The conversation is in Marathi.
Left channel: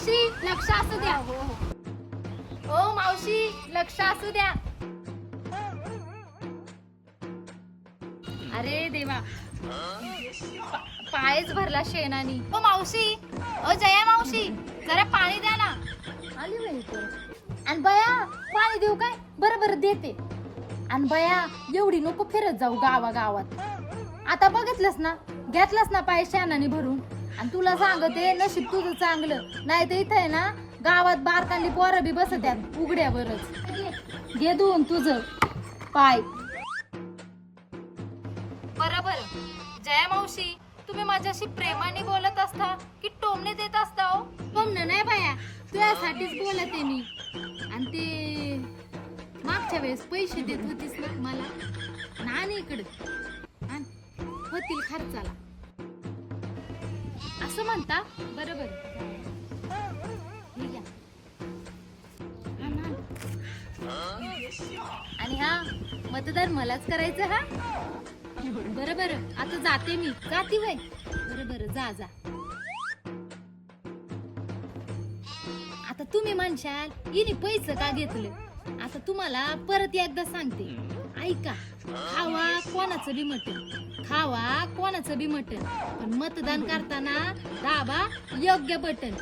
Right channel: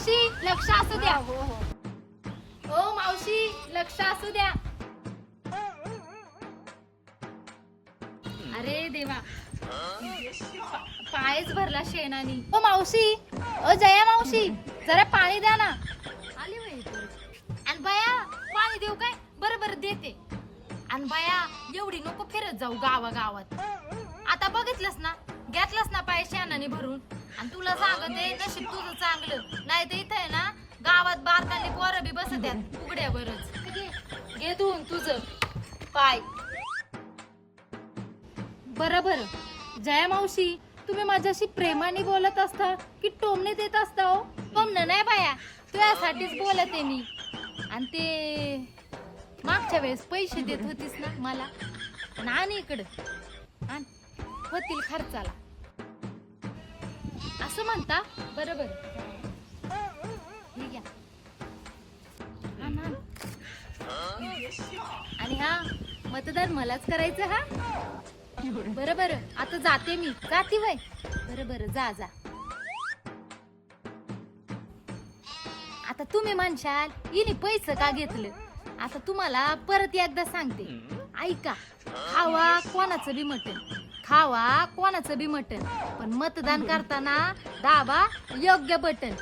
मावशी लक्ष असू द्या. हो हो ओ मावशी लक्ष असू द्या. अरे देवा. पायच भरला शेणानी. ओ मावशी. ओ जया मावशी जरा पाणी द्या ना. आली बाई. आणि बया पाणी देऊ काय? बरं बरं देते. आणि बया एवढी नको फिरत जाऊ गावा गावात आता बघितलंस ना? घेतलंस ना पाय शेणाने भरून? आणि तुला सांगते नशीब तुझं चांगलं. नाही तर इथं आहे ना गावात बारकाली पोरं बी बसत उघड्यावरच. घे दोन तुझं. पाय. बरोबर जया मावशी तुम्ही माझ्याशी प्रेमाने बोलत असता की टोमने देत असता हो? टोमणं नाही बाया. तुझ्यासाठीच बोलते मी. आणि ते मागच्या वेळेस पैसे देत होतीस ना मला. आणि इकडं. इकडे होतील खर्चाला. असं म्हणता? बरं बरं घ्या. आणि हा मतदार मलाच करायचं हा? बरं बरं आता जाते मी. जाते वय बरं बरं जा जा. आता तुम्ही म्हणशाल हिने पैसे का घेतलं? आता तुम्हाला परत एकदा सांगते. ऐका खावा कोणाचं बी मटण. खावा कोणाचं बी मटण. पण मतदान करताना दाबा योग्य बटन